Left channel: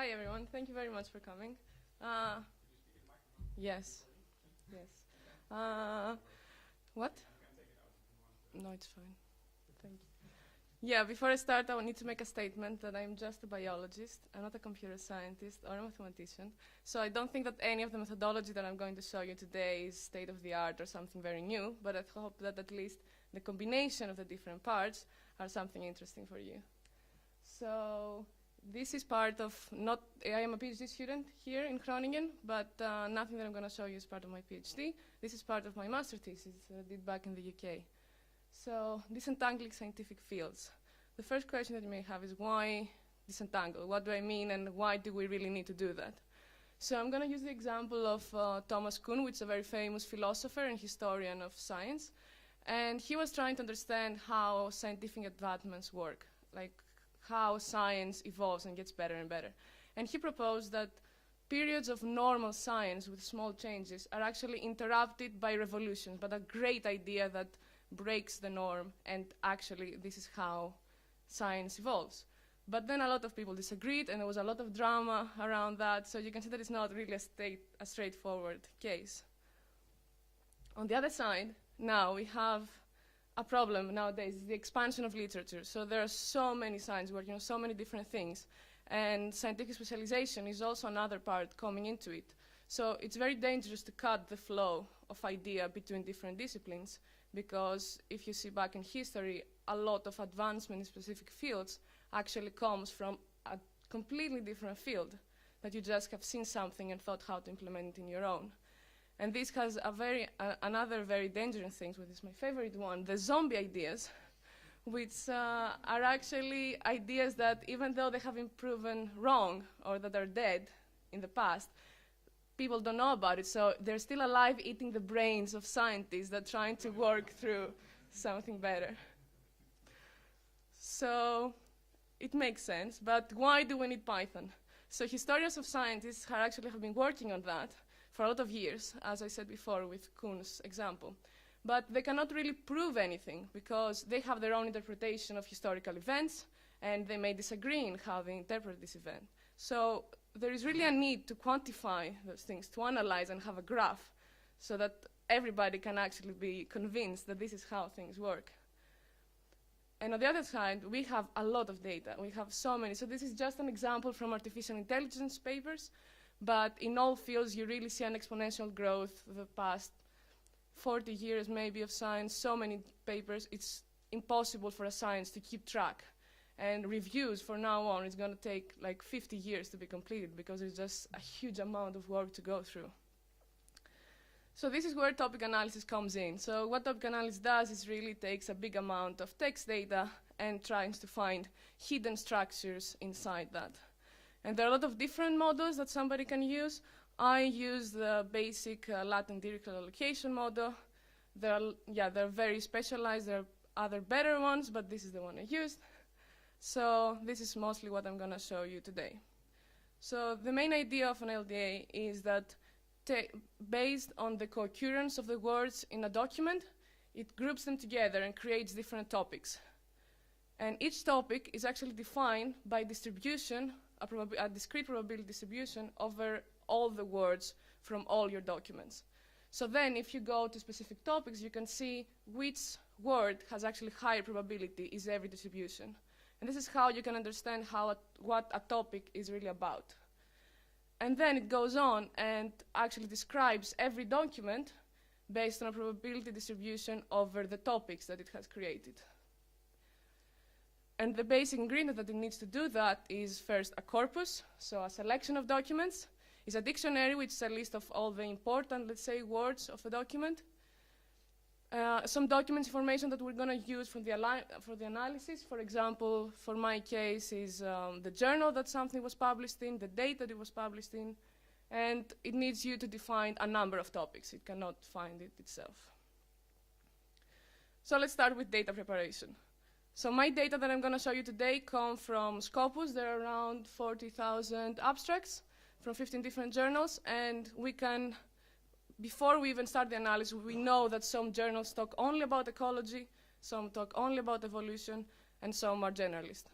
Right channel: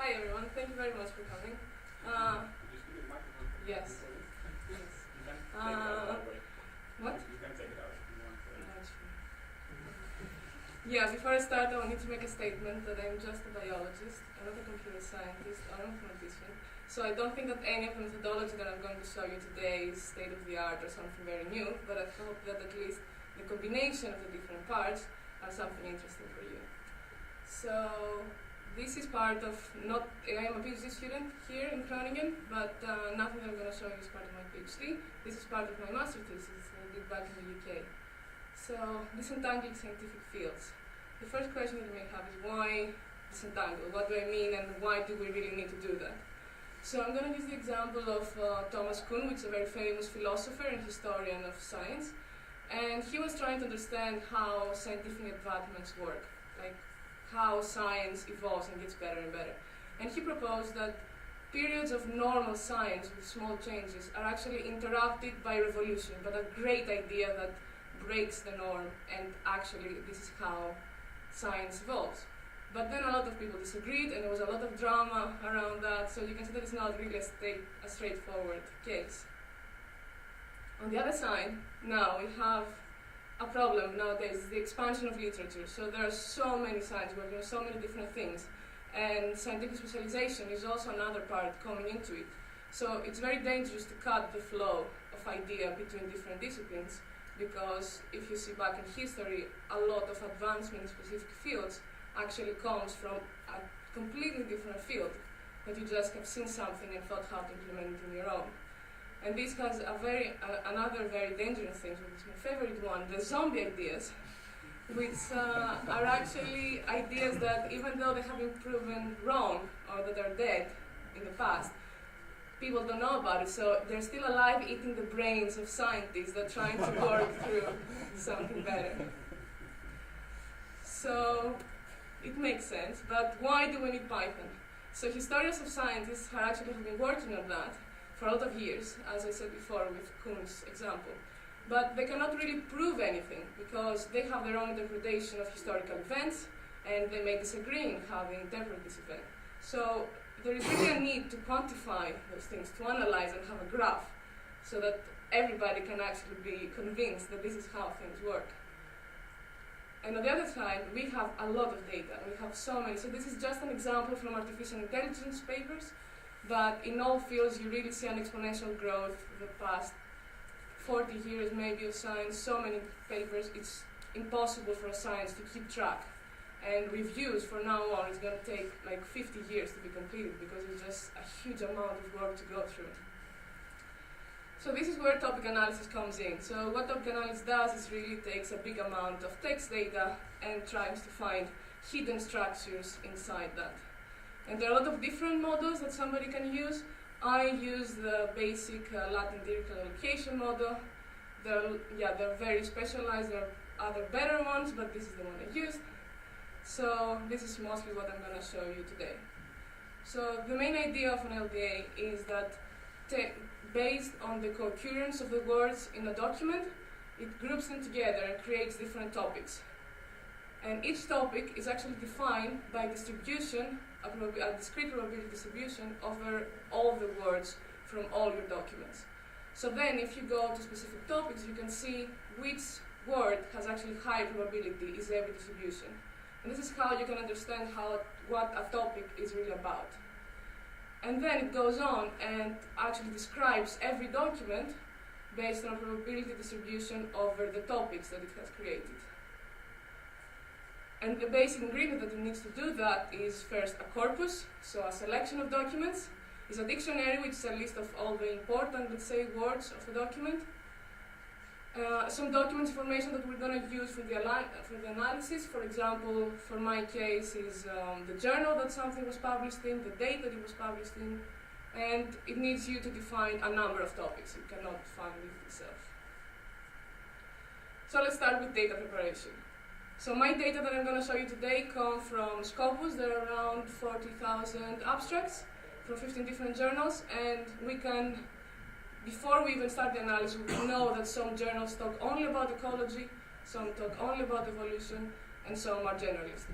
Hi everyone, thank you very much for coming. Yes. Yes. What? No, it's fine. Yeah, before I start, I need to make a statement that I'm just a biologist. I'm not a computer scientist or a mathematician. So I don't think that any of the methodology that I'm going to show you today is state of the art or something very new, but I hope that at least the combination of the different parts are something interesting for you. So this is part of, I am a PhD student here in Groningen, but nothing that I'm going to show you is part of my PhD. This is part of my master thesis I did back in the UK. So, disentangling scientific fields. The first question that you may have is why disentangle? What do I mean and why do we really need to do that? So I'm going to use the example of Thomas Kuhn, which is a very famous philosopher and historian of science. And he was trying to understand how scientific advancements work, like how science evolves and gets better and better. And he proposed that periods of normal science with small changes are actually interrupted by revolution, but a great idea that breaks the norm, and actually this is how science evolves. But then a lot of people disagreed, and there was a lot of drama around that, so you can see that it's not really a straightforward case. On the other side, now we have a problem nowadays, the expansion of literature. So there are so many science working on so many different things, and scientific specialization is also another part coming into it. So it's very dangerous to cut the flow of idea between different disciplines, because if you see back in history, a lot of advancement in specific fields actually comes from a completely different field, that you just have seen something and thought how to implement it in your own. And this has another very dangerous thing, which is my favorite one, the zombie ideas, which are actually ideas that even though they have been proven wrong or that are dead in the past, people don't know about it, so they're still alive eating the brains of scientists that are trying to work through something better. So it makes sense, but why do we need Python? So historians of scientists have actually been working on that for a lot of years, as I said before with Kuhn's example. But they cannot really prove anything because they have their own interpretation of historical events and they may disagree in how they interpret this event. So there is really a need to quantify those things, to analyze and have a graph so that everybody can actually be convinced that this is how things work. And on the other side, we have a lot of data. We have so many. So this is just an example from artificial intelligence papers, but in all fields you really see an exponential growth the past 40 years maybe of science, so many papers, it's impossible for a science to keep track. And reviews from now on is going to take like 50 years to be completed because it's just a huge amount of work to go through. So this is where topic analysis comes in. So what topic analysis does is really takes a big amount of text data and tries to find hidden structures inside that. And there are a lot of different models that somebody can use. I use the basic latent dirichlet allocation model. They're very specialized. There are other better ones, but this is the one I used. So this is mostly what I'm going to show you today. So the main idea of an LDA is that based on the concurrence of the words in a document, it groups them together and creates different topics. And each topic is actually defined by distribution, a discrete probability distribution over all the words from all your documents. So then if you go to specific topics, you can see which word has actually higher probability is every distribution. And this is how you can understand what a topic is really about. And then it goes on and actually describes every document based on a probability distribution over the topics that it has created. And the basic ingredient that it needs to do that is first a corpus, so a selection of documents, is a dictionary, which is a list of all the important, let's say, words of the document. Some document information that we're going to use for the analysis. For example, for my case is the journal that something was published in, the date that it was published in, and it needs you to define a number of topics. You cannot find it itself. So let's start with data preparation. So my data that I'm going to show you today come from Scopus. There are around 40,000 abstracts from 15 different journals, and we can, before we even start the analysis, we know that some journals talk only about ecology, some talk only about evolution, and some are generalist.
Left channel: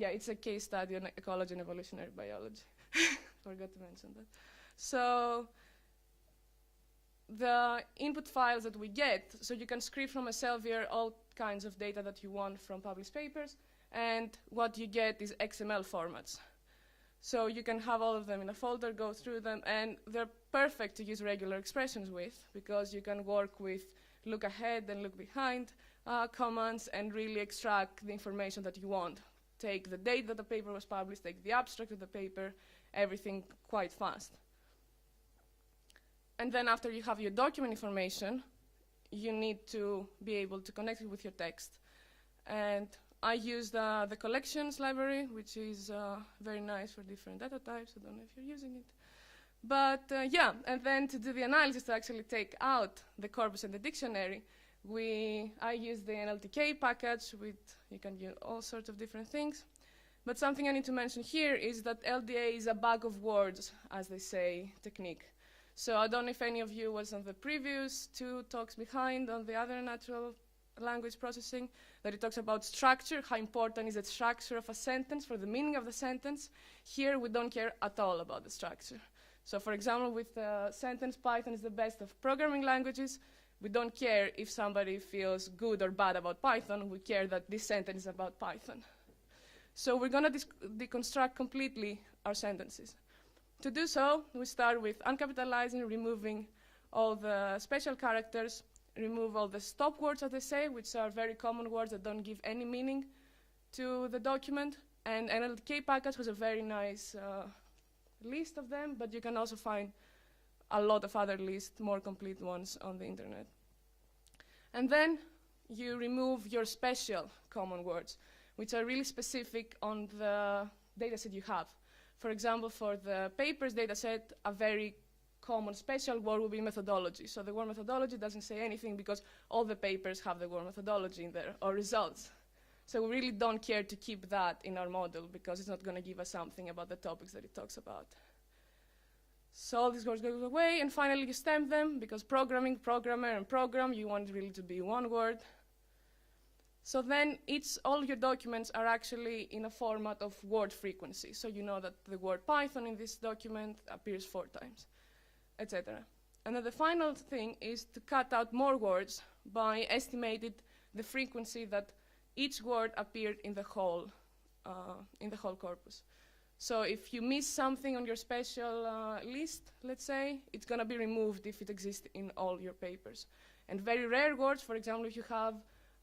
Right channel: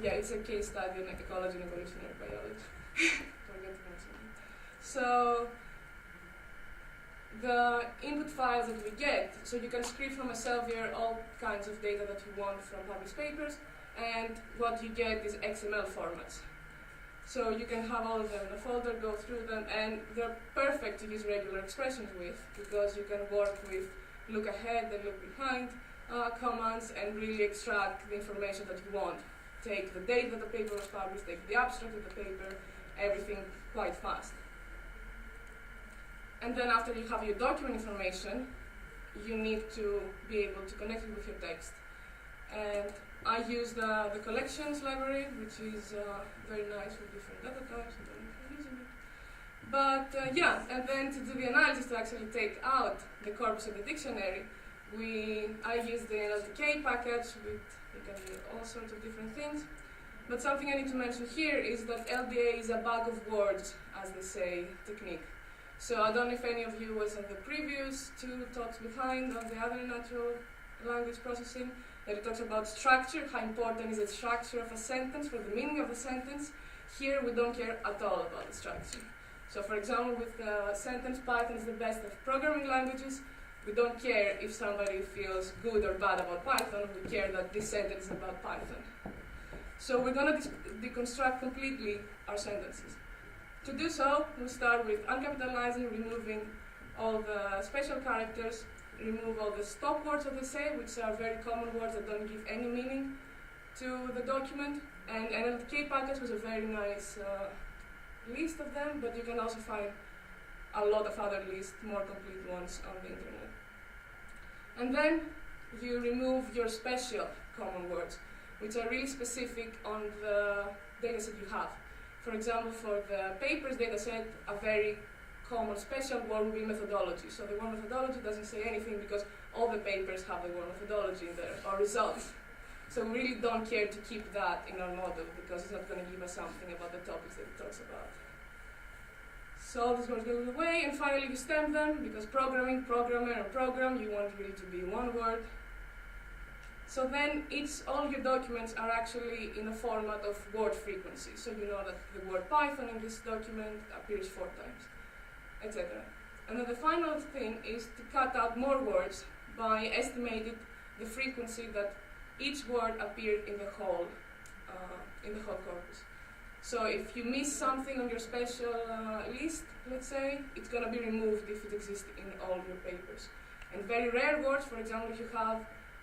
Yeah, it's a case study on ecology and evolutionary biology. Forgot to mention that. So the input files that we get, so you can scrape from a Elsevier all kinds of data that you want from published papers, and what you get is XML formats. So you can have all of them in a folder, go through them, and they're perfect to use regular expressions with, because you can work with look ahead and look behind commands and really extract the information that you want. Take the date that the paper was published, take the abstract of the paper, everything quite fast. And then after you have your document information, you need to be able to connect it with your text. And I use the collections library, which is very nice for different data types. I don't know if you're using it. But yeah, and then to do the analysis, to actually take out the corpus and the dictionary, I use the LTK package, you can do all sorts of different things. But something I need to mention here is that LDA is a bag of words, as they say, technique. So I don't know if any of you was on the previous 2 talks behind on the other natural language processing, that it talks about structure, how important is the structure of a sentence for the meaning of the sentence. Here we don't care at all about the structure. So for example, with the sentence Python is the best of programming languages, we don't care if somebody feels good or bad about Python, we care that this sentence is about Python. So we're going to deconstruct completely our sentences. To do so, we'll start with uncapitalizing, removing all the special characters, remove all the stop words that they say, which are very common words that don't give any meaning to the document. And NLTK package was a very nice list of them, but you can also find a lot of other lists, more complete ones on the internet. And then you remove your special common words, which are really specific on the dataset you have. For example, for the papers dataset, a very common special word would be methodology. So the word methodology doesn't say anything because all the papers have the word methodology in there, or results. So we really don't care to keep that in our model because it's not going to give us something about the topics that it talks about. So all these words go away, and finally you stem them because programming, programmer, and program, you want it really to be one word. So then all your documents are actually in a format of word frequency. So you know that the word Python in this document appears 4 times, etc. And then the final thing is to cut out more words by estimating the frequency that each word appeared in the whole corpus. So if you miss something on your special list, let's say, it's going to be removed if it exists in all your papers. And very rare words, for example, if you have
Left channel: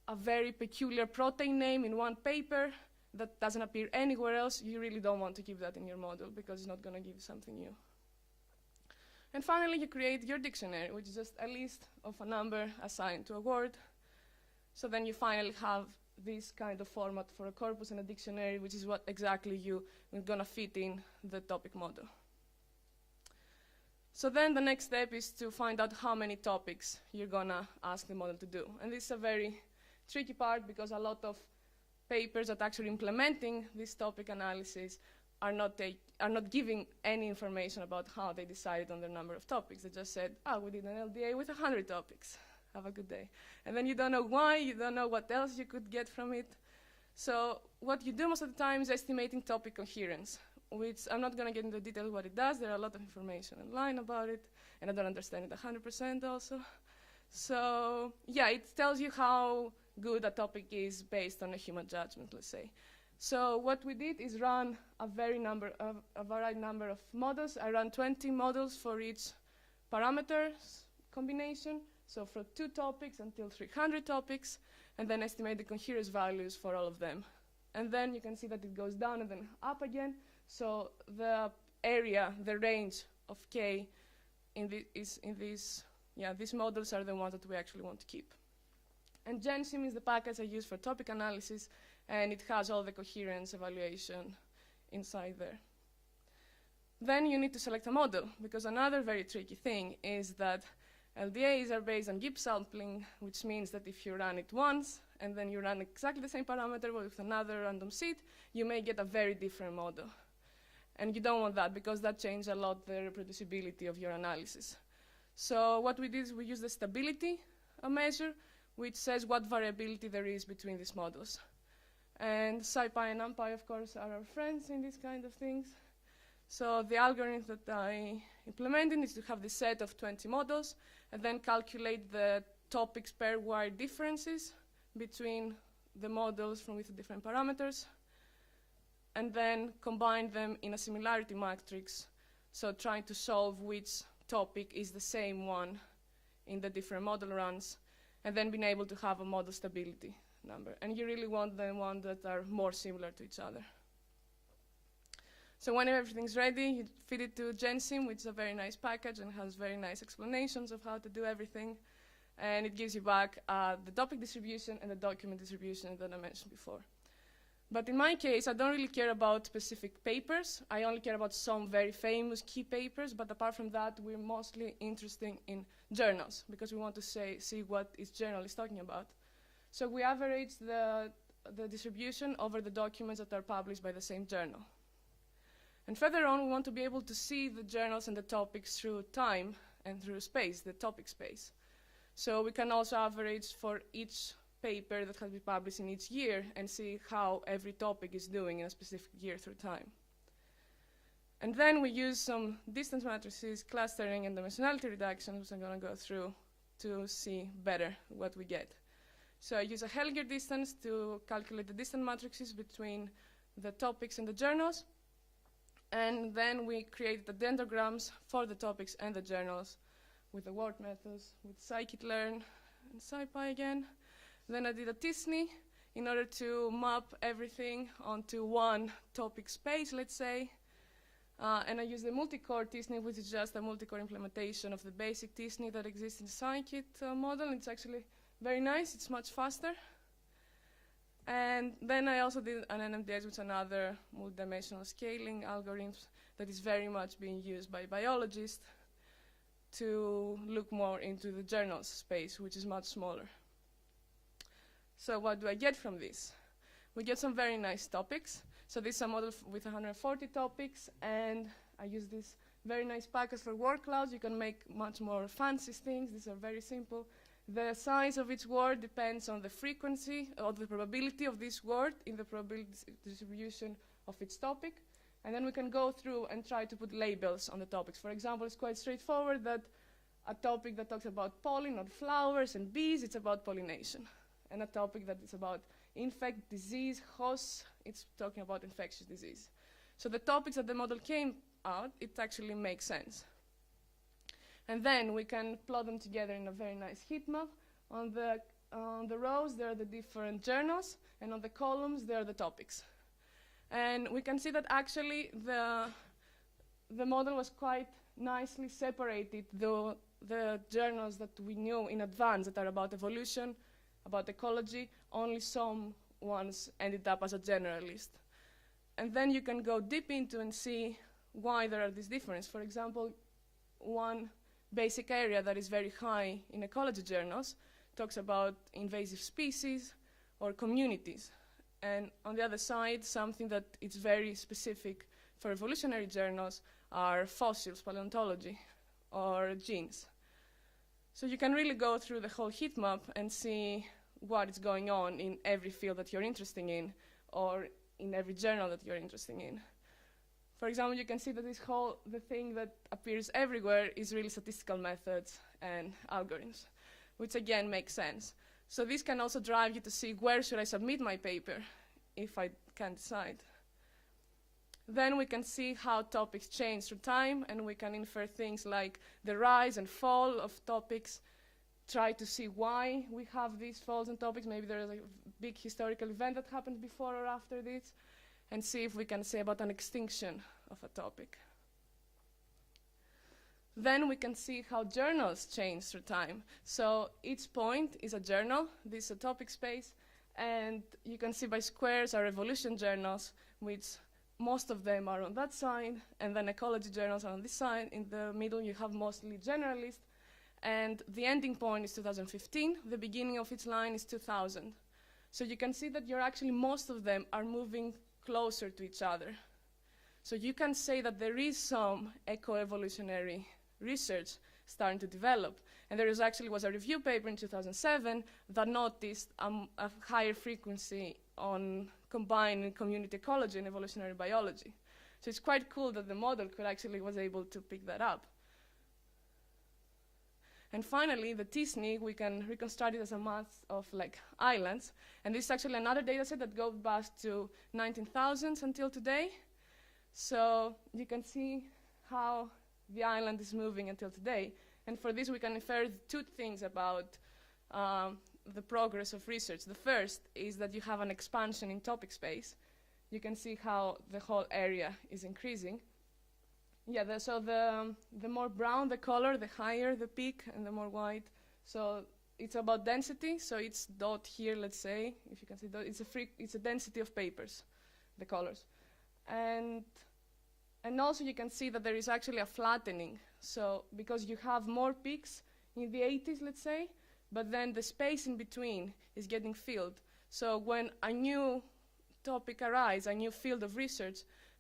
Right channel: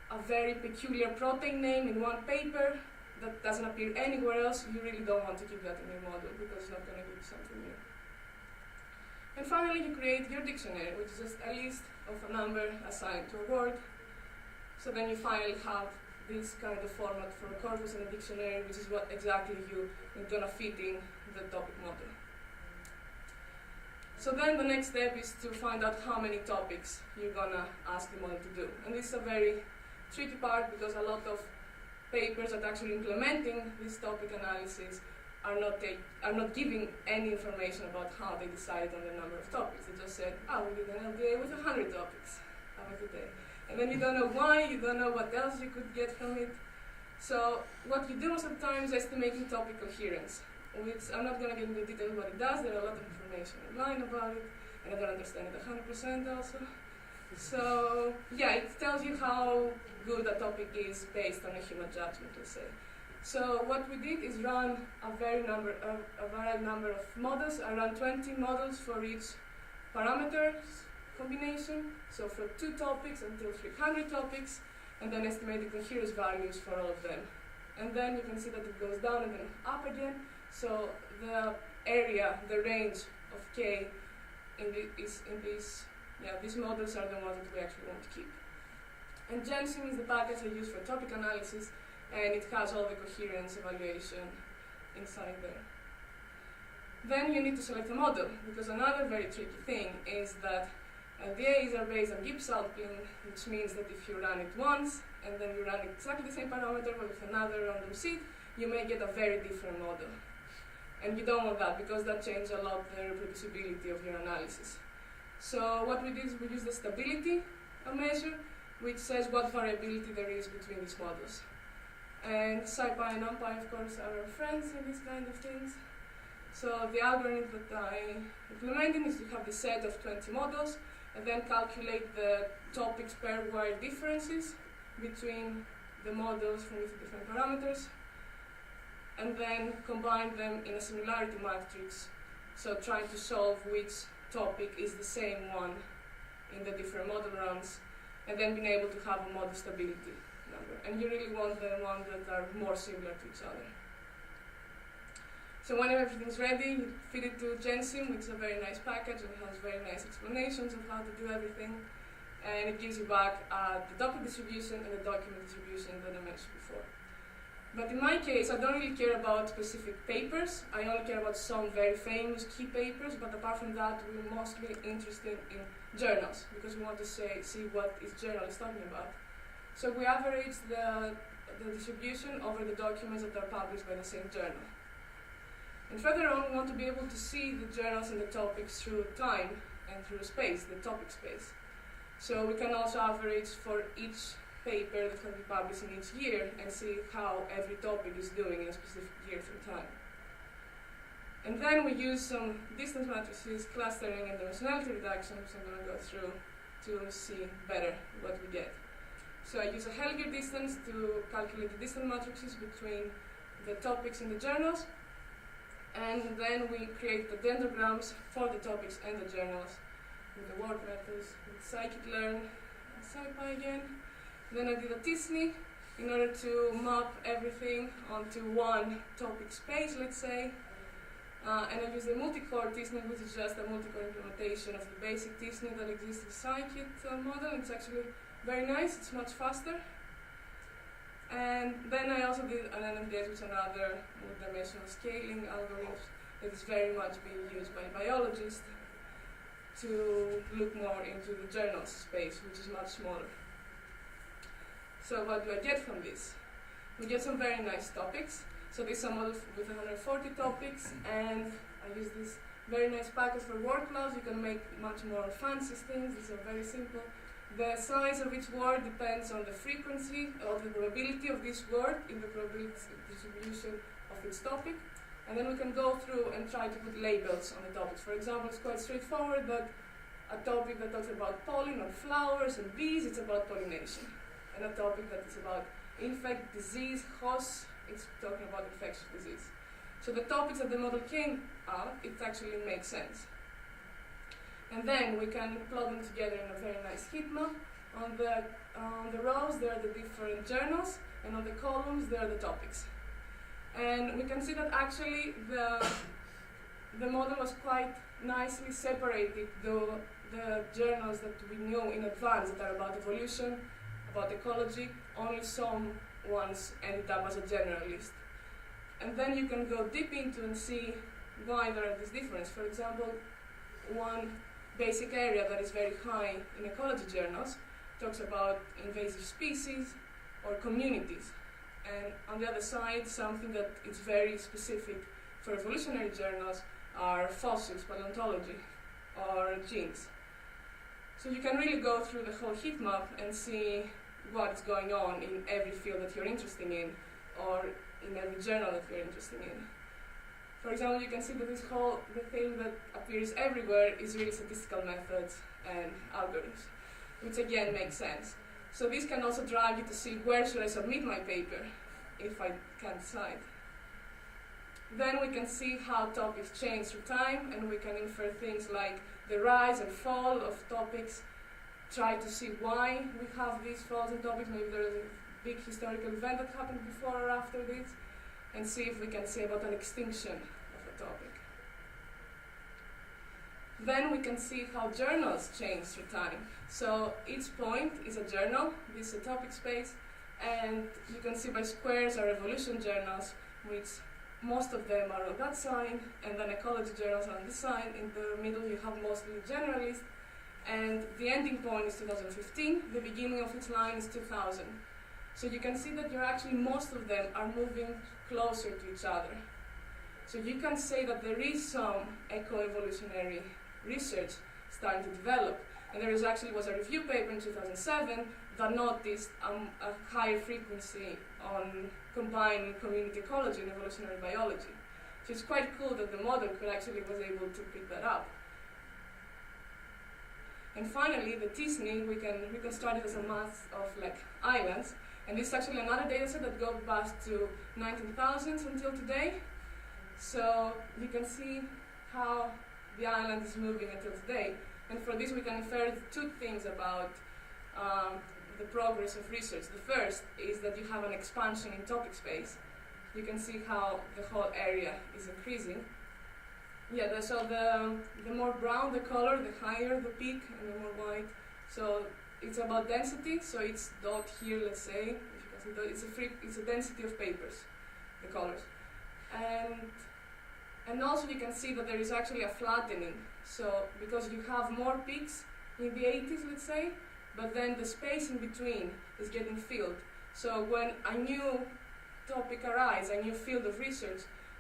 a very peculiar protein name in one paper that doesn't appear anywhere else, you really don't want to keep that in your model because it's not going to give you something new. And finally, you create your dictionary, which is just a list of a number assigned to a word. So then you finally have this kind of format for a corpus and a dictionary, which is what exactly you're going to fit in the topic model. So then the next step is to find out how many topics you're going to ask the model to do. And this is a very tricky part because a lot of papers that actually implementing this topic analysis are not giving any information about how they decided on the number of topics. They just said, we did an LDA with 100 topics. Have a good day. And then you don't know why, you don't know what else you could get from it. So what you do most of the time is estimating topic coherence, which I'm not going to get into detail what it does. There are a lot of information online about it, and I don't understand it 100% also. So yeah, it tells you how good a topic is based on a human judgment, let's say. So what we did is run a varied number of models. I ran 20 models for each parameters combination. So for 2 topics until 300 topics, and then estimate the coherence values for all of them. And then you can see that it goes down and then up again. So the area, the range of K these models are the ones that we actually want to keep. And GenSim is the package I use for topic analysis, and it has all the coherence evaluation inside there. Then you need to select a model, because another very tricky thing is that LDAs are based on Gibbs sampling, which means that if you run it once, and then you run exactly the same parameter but with another random seed, you may get a very different model. And you don't want that, because that changes a lot the reproducibility of your analysis. So what we did is we used the stability measure, which says what variability there is between these models. And SciPy and NumPy, of course, are our friends in these kind of things. So the algorithm that I implemented is to have the set of 20 models and then calculate the topics pairwise differences between the models from with different parameters, and then combine them in a similarity matrix, so trying to solve which topic is the same one in the different model rounds, and then being able to have a model stability number. And you really want the ones that are more similar to each other. So when everything's ready, you feed it to Gensim, which is a very nice package and has very nice explanations of how to do everything. And it gives you back the topic distribution and the document distribution that I mentioned before. But in my case, I don't really care about specific papers. I only care about some very famous key papers, but apart from that, we're mostly interested in journals, because we want to see what each journal is talking about. So we average the distribution over the documents that are published by the same journal. And further on, we want to be able to see the journals and the topics through time and through space, the topic space. So we can also average for each paper that has been published in each year and see how every topic is doing in a specific year through time. And then we use some distance matrices, clustering, and dimensionality reduction, which I'm going to go through to see better what we get. So I use a Helger distance to calculate the distance matrices between the topics in the journals. And then we create the dendrograms for the topics and the journals with the work methods, with scikit-learn and scipy again. And then I did a t-SNE in order to map everything onto one topic space, let's say. And I used the multi-core t-SNE, which is just a multi-core implementation of the basic t-SNE that exists in the scikit model. It's actually very nice, it's much faster. And then I also did an NMDS, which is another multi-dimensional scaling algorithm that is very much being used by biologists to look more into the journals space, which is much smaller. So what do I get from this? We get some very nice topics. So this is a model with 140 topics, and I use this very nice package for word clouds. You can make much more fancy things. These are very simple. The size of each word depends on the frequency or the probability of this word in the probability distribution of its topic. And then we can go through and try to put labels on the topics. For example, it's quite straightforward that a topic that talks about pollen or flowers and bees, it's about pollination. And a topic that is about infect, disease, hosts, it's talking about infectious disease. So the topics that the model came out, it actually makes sense. And then we can plot them together in a very nice heat map. On the rows, there are the different journals, and on the columns, there are the topics. And we can see that actually the model was quite nicely separated, though the journals that we know in advance that are about evolution, about ecology, only some ones ended up as a general list. And then you can go deep into and see why there are these differences. For example, one basic area that is very high in ecology journals talks about invasive species or communities. And on the other side, something that is very specific for evolutionary journals are fossils, paleontology, or genes. So you can really go through the whole heat map and see what's going on in every field that you're interested in, or in every journal that you're interested in. For example, you can see that the thing that appears everywhere is really statistical methods and algorithms, which again makes sense. So this can also drive you to see where should I submit my paper if I can't decide. Then we can see how topics change through time, and we can infer things like the rise and fall of topics, try to see why we have these falls in topics, maybe there's a big historical event that happened before or after this, and see if we can say about an extinction of a topic. Then we can see how journals change through time. So each point is a journal, this is a topic space, and you can see by squares are evolution journals, which most of them are on that side, and then ecology journals are on this side. In the middle you have mostly generalists, and the ending point is 2015, the beginning of its line is 2000. So you can see that most of them are moving closer to each other. So you can say that there is some eco-evolutionary research starting to develop. And there was a review paper in 2007 that noticed a higher frequency on combining community ecology and evolutionary biology. So it's quite cool that the model was able to pick that up. And finally, the T-SNE, we can reconstruct it as a mass of like islands. And this is actually another dataset that goes back to 19,000s until today. So you can see how the island is moving until today. And for this, we can infer two things about the progress of research. The first is that you have an expansion in topic space. You can see how the whole area is increasing. Yeah, so the more brown the color, the higher the peak, and the more white. So it's about density. So it's dot here, let's say. If you can see dot, it's a density of papers, the colors, and also you can see that there is actually a flattening. So because you have more peaks in the 80s, let's say, but then the space in between is getting filled. So when a new topic arises, a new field of research,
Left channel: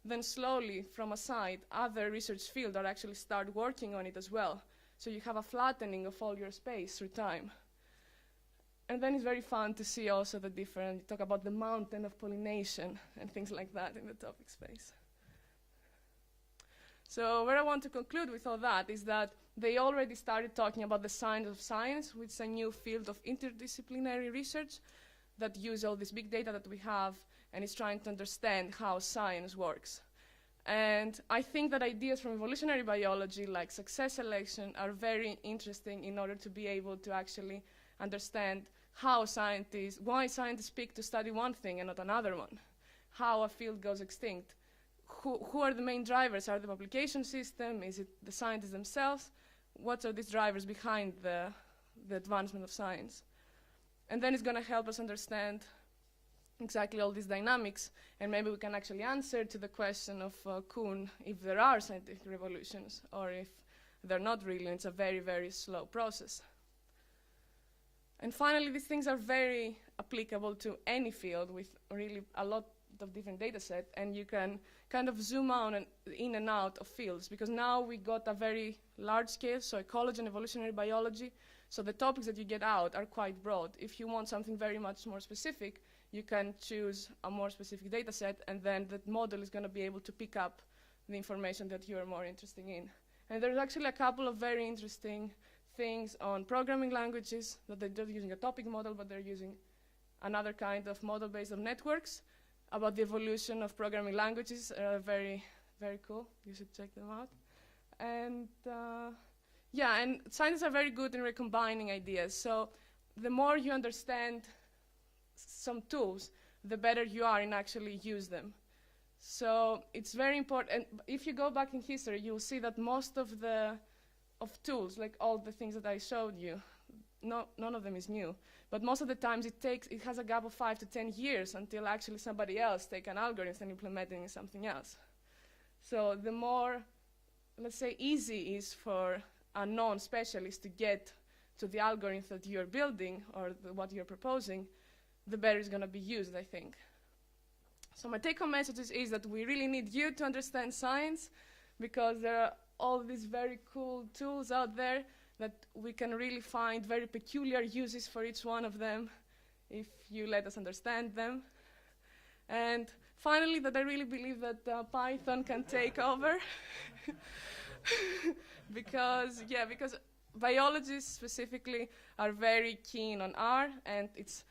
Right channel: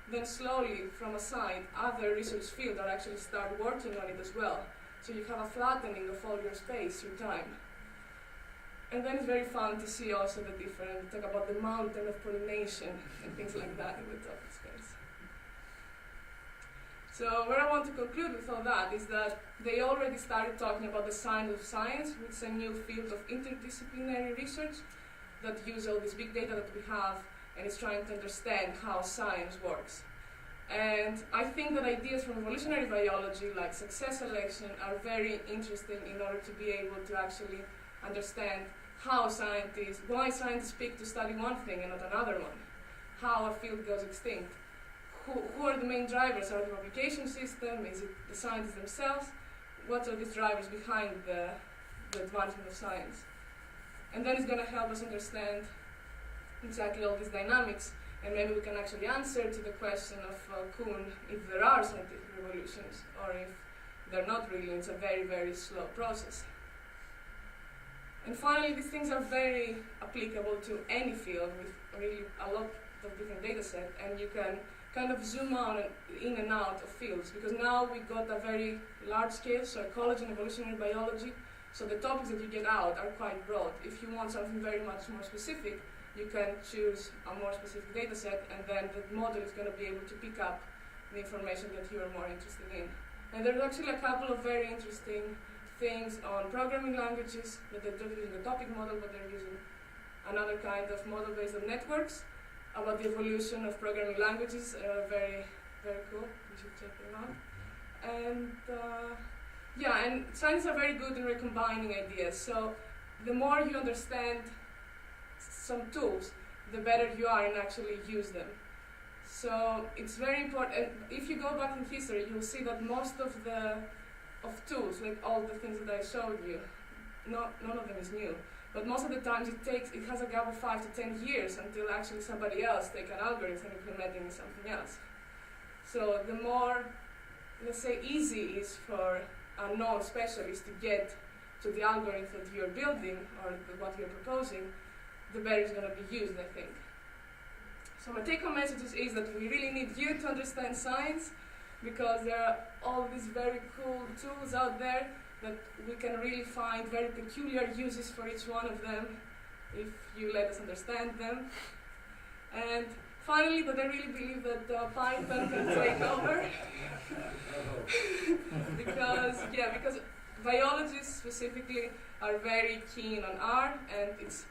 then slowly from a side, other research fields are actually start working on it as well. So you have a flattening of all your space through time. And then it's very fun to see also the different, talk about the mountain of pollination and things like that in the topic space. So where I want to conclude with all that is that they already started talking about the science of science, which is a new field of interdisciplinary research that use all this big data that we have and is trying to understand how science works. And I think that ideas from evolutionary biology, like success selection, are very interesting in order to be able to actually understand how why scientists pick to study one thing and not another one, how a field goes extinct, who are the main drivers? Are the publication system? Is it the scientists themselves? What are these drivers behind the advancement of science? And then it's going to help us understand exactly all these dynamics, and maybe we can actually answer to the question of Kuhn if there are scientific revolutions or if they're not really, it's a very, very slow process. And finally, these things are very applicable to any field with really a lot of different data sets, and you can kind of zoom in and out of fields, because now we got a very large scale, so ecology and evolutionary biology, so the topics that you get out are quite broad. If you want something very much more specific, you can choose a more specific data set, and then the model is going to be able to pick up the information that you're more interested in. And there's actually a couple of very interesting things on programming languages that they're just using a topic model, but they're using another kind of model based on networks. About the evolution of programming languages, very, very cool. You should check them out. And yeah, and scientists are very good in recombining ideas. So the more you understand some tools, the better you are in actually use them. So it's very important. And if you go back in history, you'll see that most of tools, like all the things that I showed you, none of them is new. But most of the times it has a gap of 5 to 10 years until actually somebody else take an algorithm and implement it in something else. So the more, let's say, easy it is for a non-specialist to get to the algorithm that you're building or what you're proposing, the better it's going to be used, I think. So my take-home message is that we really need you to understand science, because there are all these very cool tools out there that we can really find very peculiar uses for each one of them if you let us understand them. And finally, that I really believe that Python can take over because biologists specifically are very keen on R, and it's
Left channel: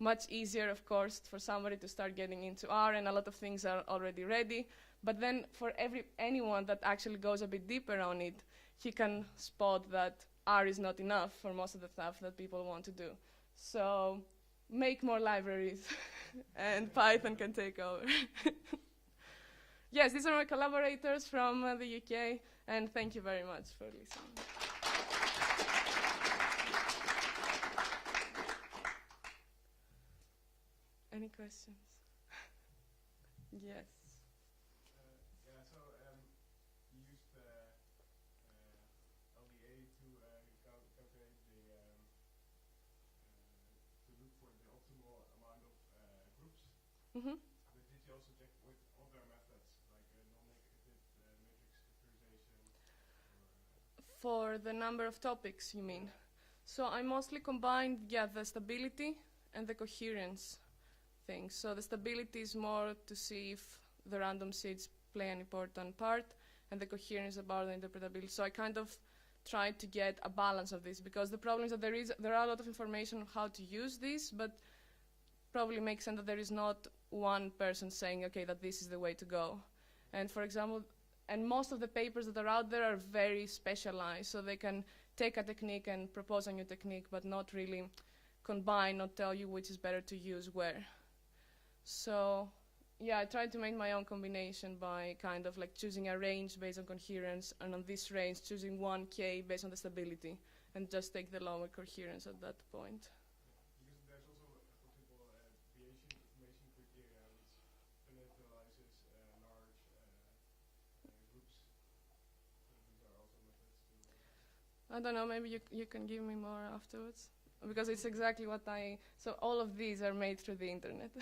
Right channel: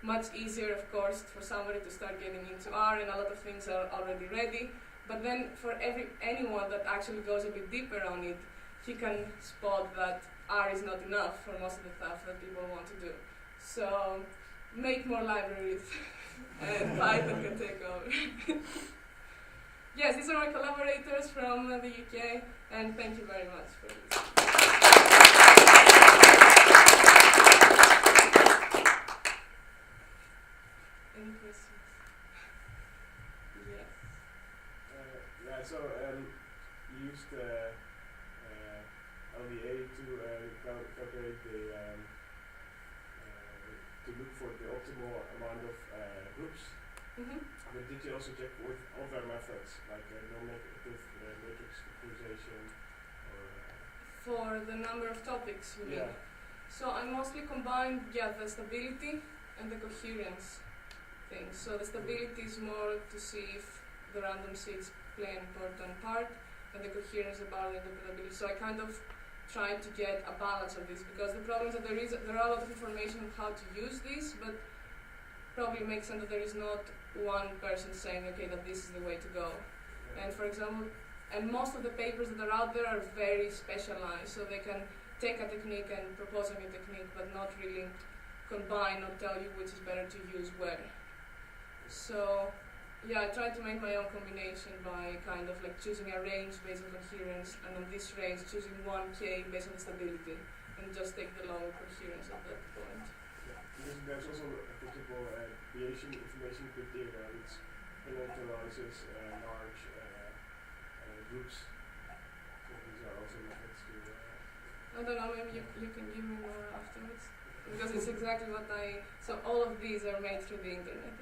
much easier, of course, for somebody to start getting into R, and a lot of things are already ready. But then for anyone that actually goes a bit deeper on it, he can spot that R is not enough for most of the stuff that people want to do. So make more libraries and Python can take over. Yes, these are my collaborators from the UK, and thank you very much for this. Any questions? Yes. So you used LDA to calculate to look for the optimal amount of groups. Mm-hmm. But did you also check with other methods, like non-negative matrix factorization? For the number of topics, you mean? Yeah. So I mostly combined the stability and the coherence thing. So the stability is more to see if the random seeds play an important part, and the coherence about the interpretability. So I kind of try to get a balance of this, because the problem is that there are a lot of information on how to use this, but probably makes sense that there is not one person saying, okay, that this is the way to go. And for example, and most of the papers that are out there are very specialized, so they can take a technique and propose a new technique, but not really combine or tell you which is better to use where. So yeah, I try to make my own combination by kind of like choosing a range based on coherence, and on this range choosing 1k based on the stability, and just take the lower coherence at that point. Yeah, because there's also a principle deviation information criteria, which characterizes large groups. So these are also methods to. I don't know, maybe you can give me more afterwards, because it's exactly what so all of these are made through the internet.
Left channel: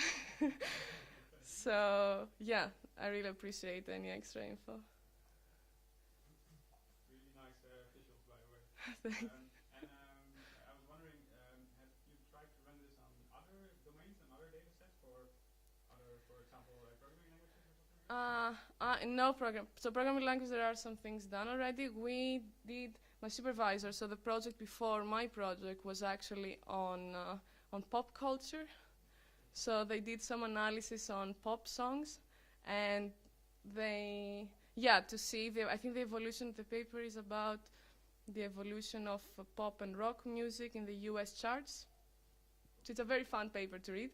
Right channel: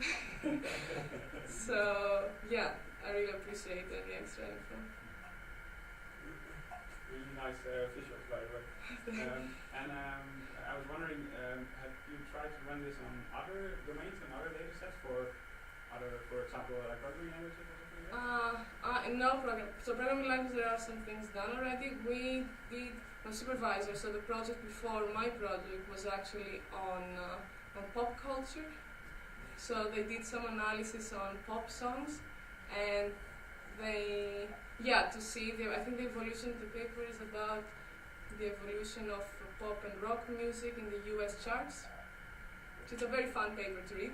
So yeah, I really appreciate any extra info. Really nice visuals, by the way. I was wondering, have you tried to run this on other domains and other data sets for example, like programming languages or something like that? No program. So programming language, there are some things done already. We did a supervisor. So the project before my project was actually on pop culture. So they did some analysis on pop songs, and to see I think the evolution of the paper is about the evolution of pop and rock music in the US charts. So it's a very fun paper to read,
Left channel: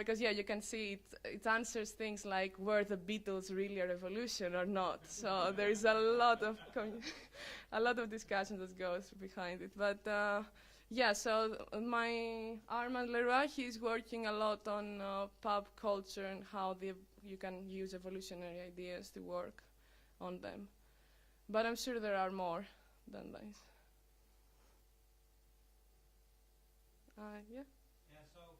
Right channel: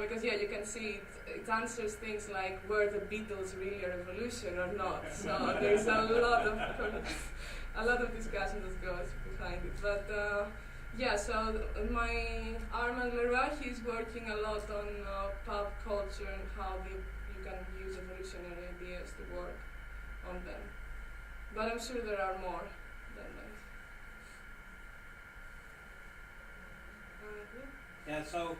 because you can see it answers things like, were the Beatles really a revolution or not? So there's a lot of discussion that goes behind it. But so my Armand Leroy, he's working a lot on pop culture and how you can use evolutionary ideas to work on them. But I'm sure there are more than that. Yeah, so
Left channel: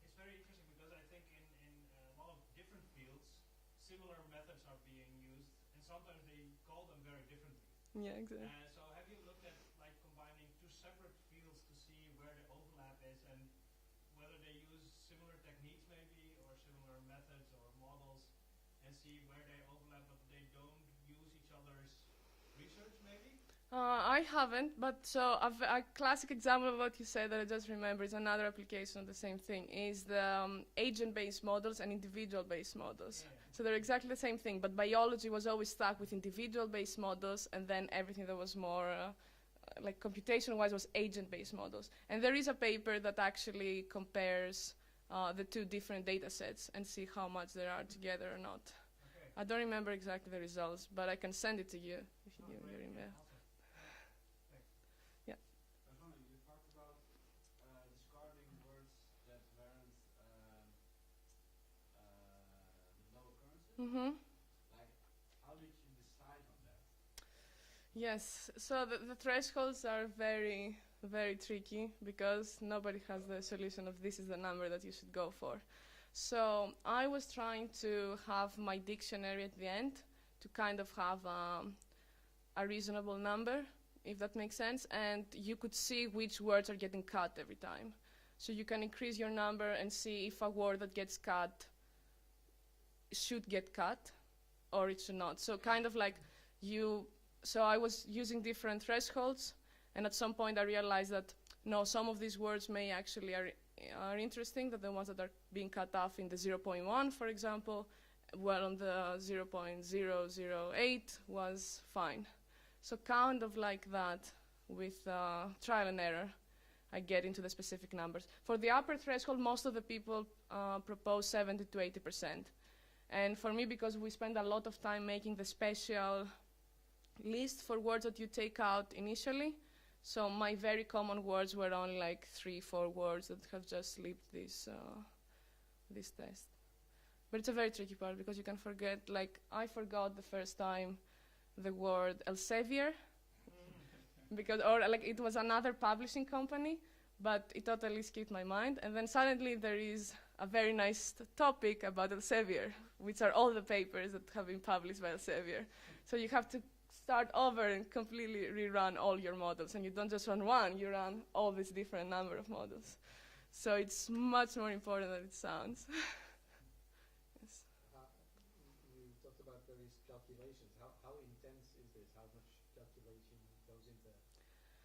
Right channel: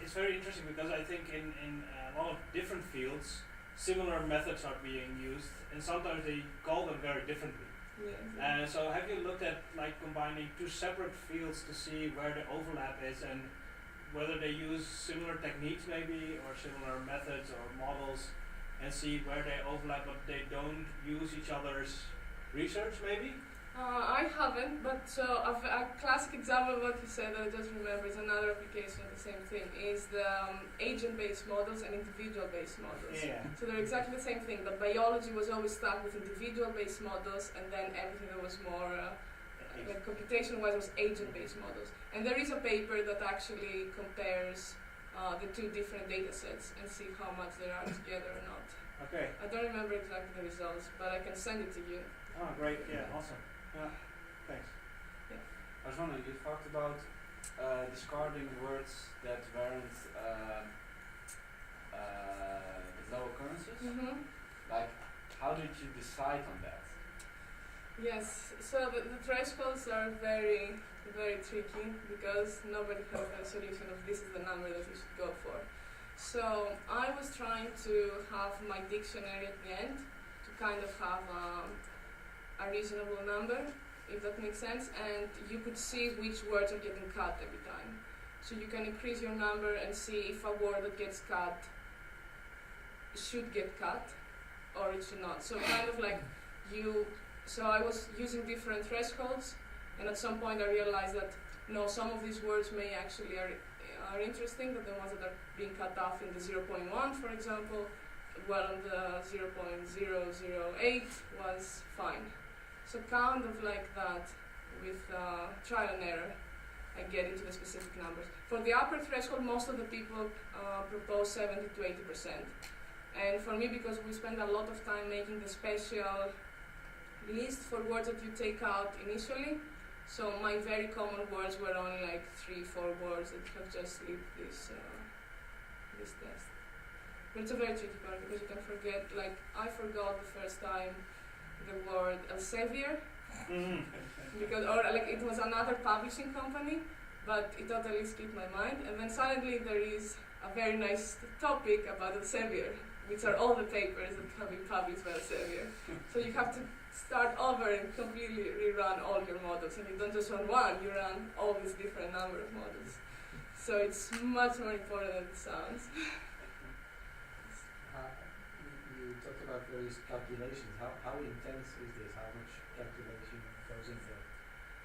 it's very interesting, because I think in a lot of different fields, similar methods are being used, and sometimes they call them very differently. Yeah, exactly. So have you looked at like combining two separate fields to see where the overlap is, and whether they use similar techniques maybe, or similar methods or models, and see where they overlap but they don't use each other's research maybe? I haven't, but so a classic example of what you said that I just remember is another application of the same thing, is the agent-based models and individual-based models. Yeah. So they're exactly the same thing, but biology was always stuck with individual-based models, and then everything that was more like computation-wise was agent-based models. And there is a paper that actually compares the two different data sets and see how much they are together or not. Okay. I don't remember exactly the results, but I can send it to you. Oh, great. Yeah, awesome. Yeah, thanks. Yeah. I was wondering, you talked about discarding words that weren't with low occurrences. Mm-hmm. Like, how did you decide on that? Yes, so the thresholds are very, very tricky, because nobody has a solution of this is the number that you should go for. So I was trying to have my dictionary at the end to kind of have a reasonable number, if that makes sense, and you could see which words are getting cut every time. So you can increase your number and see if a word that gets cut should get cut or it should not. So kind of like so I was using different thresholds, and at some point I realized that no, some of these words may actually are interesting, but the ones that are being cut off in the 0.1, for example, well, the 0.008 was fine. So kind of like that, with trial and error, I get into the specific numbers. For the upper threshold, most of the people propose 70 to 80%. And for me, because we spend a lot of time making the special list for words that you take out initially, so my very common words were only like 3-4 words that have just leaked this test. But it's a very tricky part, because you can forget, like I forgot the first time the word Elsevier, because it was another publishing company, but it totally skipped my mind, and then suddenly there is a very nice topic about Elsevier, which are all the papers that have been published by Elsevier. So you have to start over and completely rerun all your models, and you don't just run one, you run all these different number of models. So it's much more important than it sounds. these calculations, how intense is this? How much calculation goes into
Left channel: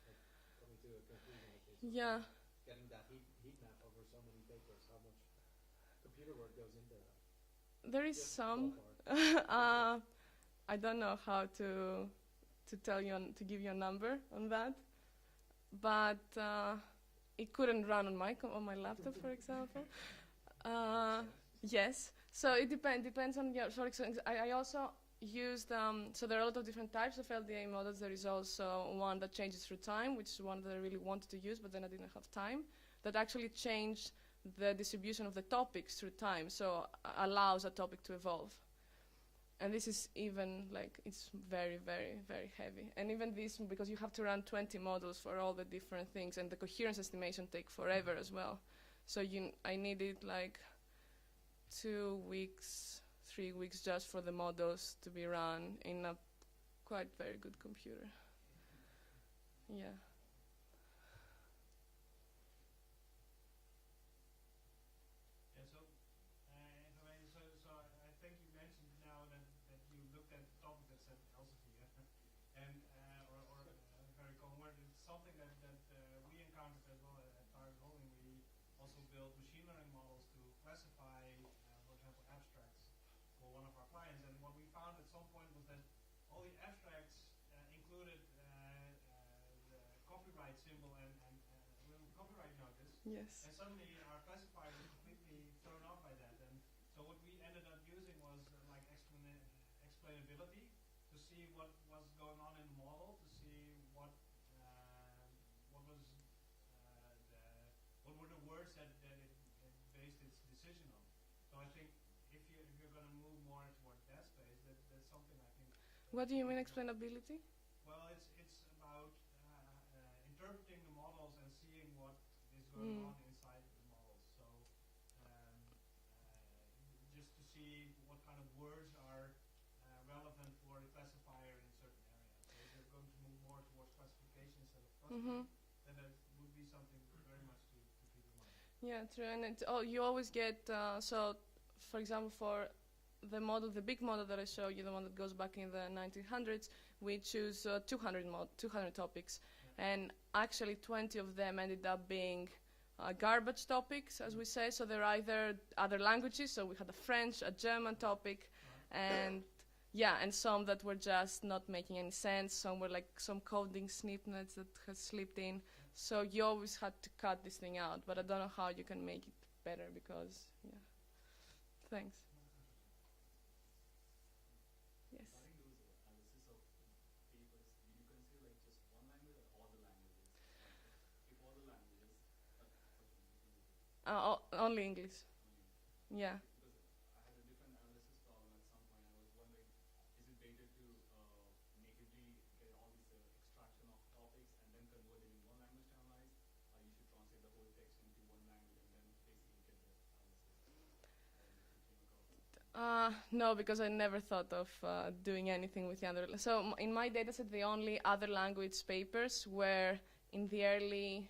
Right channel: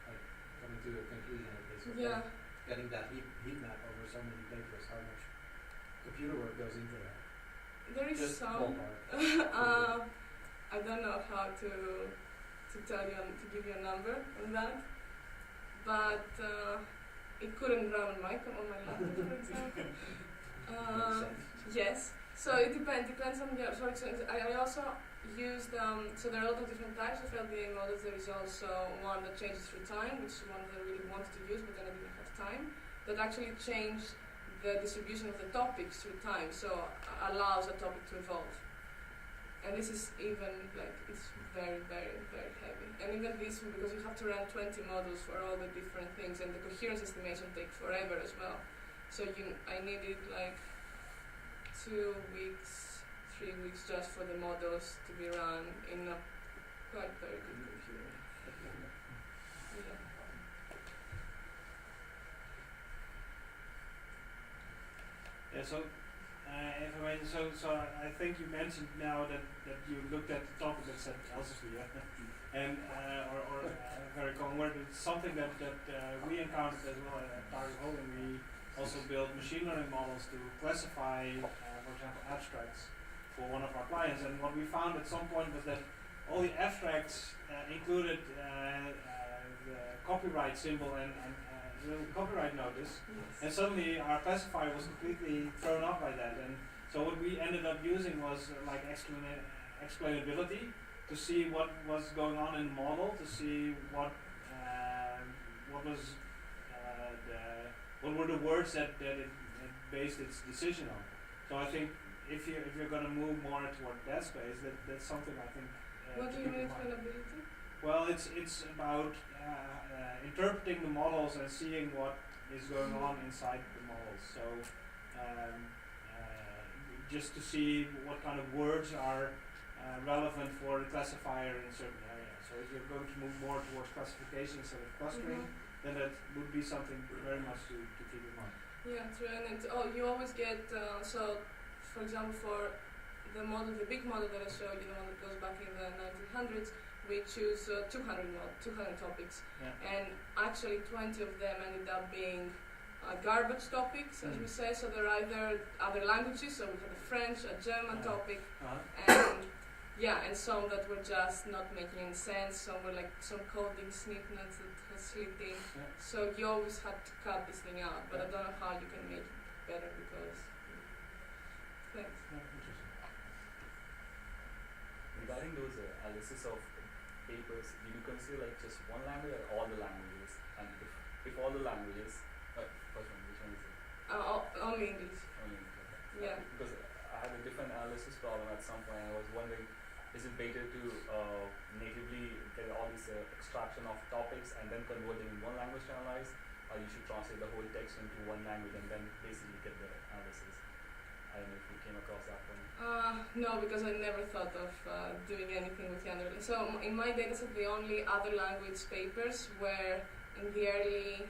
like coming to a conclusion like this? Yeah. Getting that heat map over so many papers, how much computer work goes into that? There is Just some. ballpark. I don't know how to tell you to give you a number on that, but it couldn't run on my laptop, for example. Yes. So it depends on your. For example, I also used so there are a lot of different types of LDA models. There is also one that changes through time, which is one that I really wanted to use, but then I didn't have time. That actually changed the distribution of the topics through time, so allows a topic to evolve. And this is even like it's very, very, very heavy. And even this, because you have to run 20 models for all the different things, and the coherence estimation take forever as well. So I needed like 2 weeks, 3 weeks just for the models to be run in a quite very good computer. Yeah. Yeah, so if I may, so I think you mentioned now that you looked at the topic that said Elsevier, and very common word. It's something that we encountered as well at Pygrunn, and we also built machine learning models to classify, for example, abstracts for one of our clients. And what we found at some point was that all the abstracts included the copyright symbol and the copyright notice. Yes. And suddenly our classifier was completely thrown off by that. And so what we ended up using was like explainability to see what was going on in the model, to see what were the words that it based its decision on. So I think if you're going to move more toward that space, that's something I think. What do you mean explainability? Well, it's about interpreting the models and seeing what is going on inside the models. So just to see what kind of words are relevant for the classifier in certain areas. So if you're going to move more towards classification instead of clustering, then that would be something very much to keep in mind. Yeah, true. And you always get so, for example, for the big model that I showed you, the one that goes back in the 1900s, we choose 200 topics, and actually 20 of them ended up being garbage topics, as we say. So they're either other languages, so we had a French, a German topic, and some that were just not making any sense. Some were like some coding snippets that was splitting. So you always had to cut this thing out, but I don't know how you can make it better because. Thanks. Regarding those analysis of papers, do you consider like just one language or all the languages? And if all the languages, first one, which one is it? Only English. Only English, okay. Yeah. Because I had a different analysis problem at some point. I was wondering, is it better to natively get all these extraction of topics and then convert them in one language to analyze, or you should translate the whole text into one language and then basically get the analysis? I don't know if you came across that one. No, because I never thought of doing anything with the other. So in my dataset, the only other language papers were in the early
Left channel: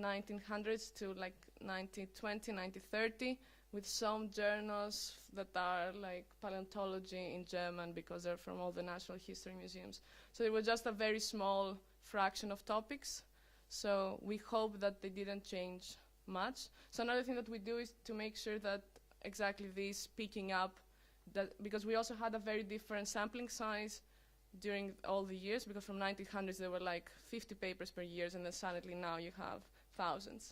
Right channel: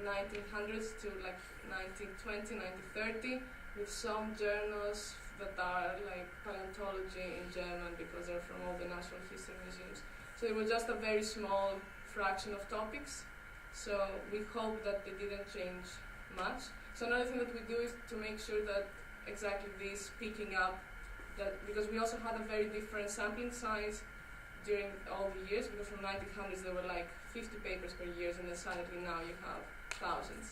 1900s to like 1920, 1930, with some journals that are like paleontology in German because they're from all the National History Museums. So it was just a very small fraction of topics. So we hope that they didn't change much. So another thing that we do is to make sure that exactly this picking up, that because we also had a very different sampling size during all the years, because from 1900s there were like 50 papers per year, and then suddenly now you have thousands.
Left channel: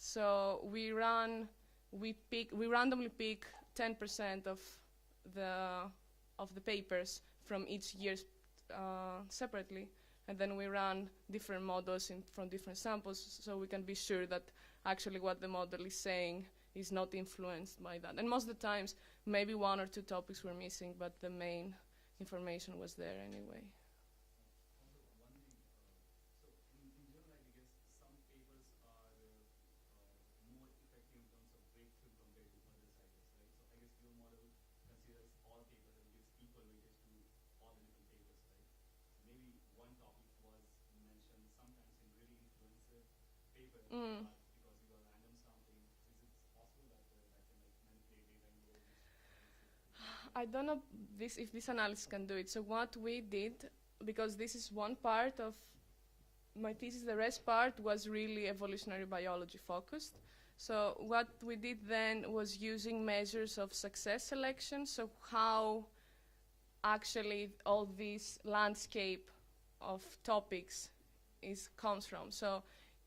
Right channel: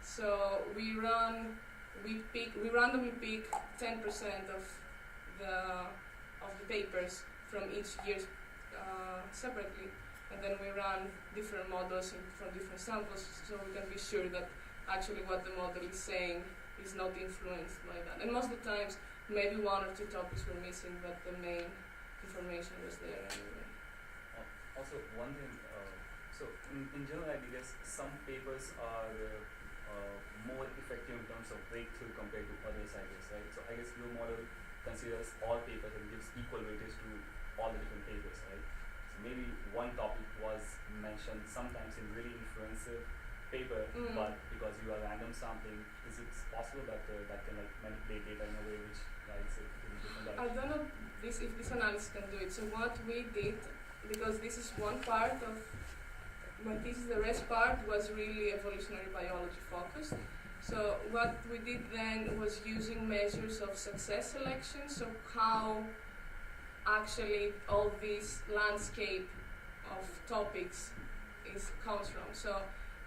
So we randomly pick 10% of the papers from each year separately, and then we run different models from different samples, so we can be sure that actually what the model is saying is not influenced by that. And most of the times, maybe 1 or 2 topics were missing, but the main information was there anyway. Also, one thing, so in general, I guess some papers are more effective in terms of breakthrough compared to others, I guess, right? So I guess your model considers all papers and gives equal weightage to all the different papers, right? So maybe one topic was mentioned sometimes in really influential paper, but because you are random sampling, is it possible that that can like manipulate data in a way which guides it in a different direction? I don't know if this analysis can do it. So what we did, because this is one part of my thesis, the rest part was really evolutionary biology focused. So what we did then was using measures of success selection, so how actually all this landscape of topics comes from. So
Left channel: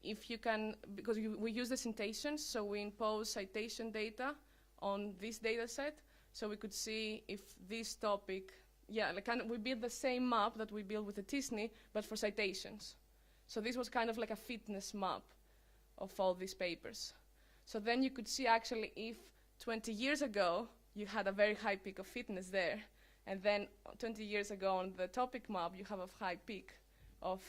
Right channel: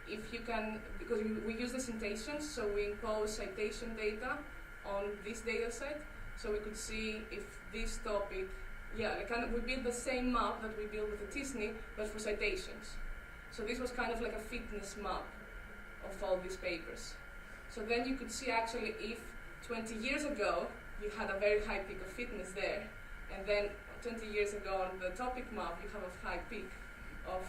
if you can, because we use the citations, so we impose citation data on this data set, so we could see if this topic, we built the same map that we built with the TISNI, but for citations. So this was kind of like a fitness map of all these papers. So then you could see actually if 20 years ago you had a very high peak of fitness there, and then 20 years ago on the topic map you have a high peak of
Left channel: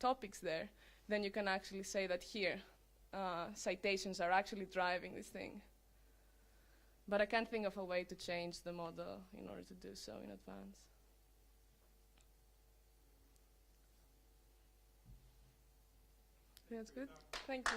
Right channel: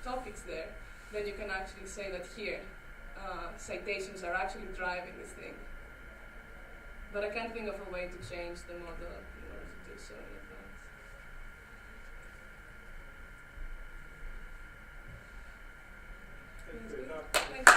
topics there, then you can actually say that here citations are actually driving this thing. But I can't think of a way to change the model in order to do so in advance. Thank you. Thank you.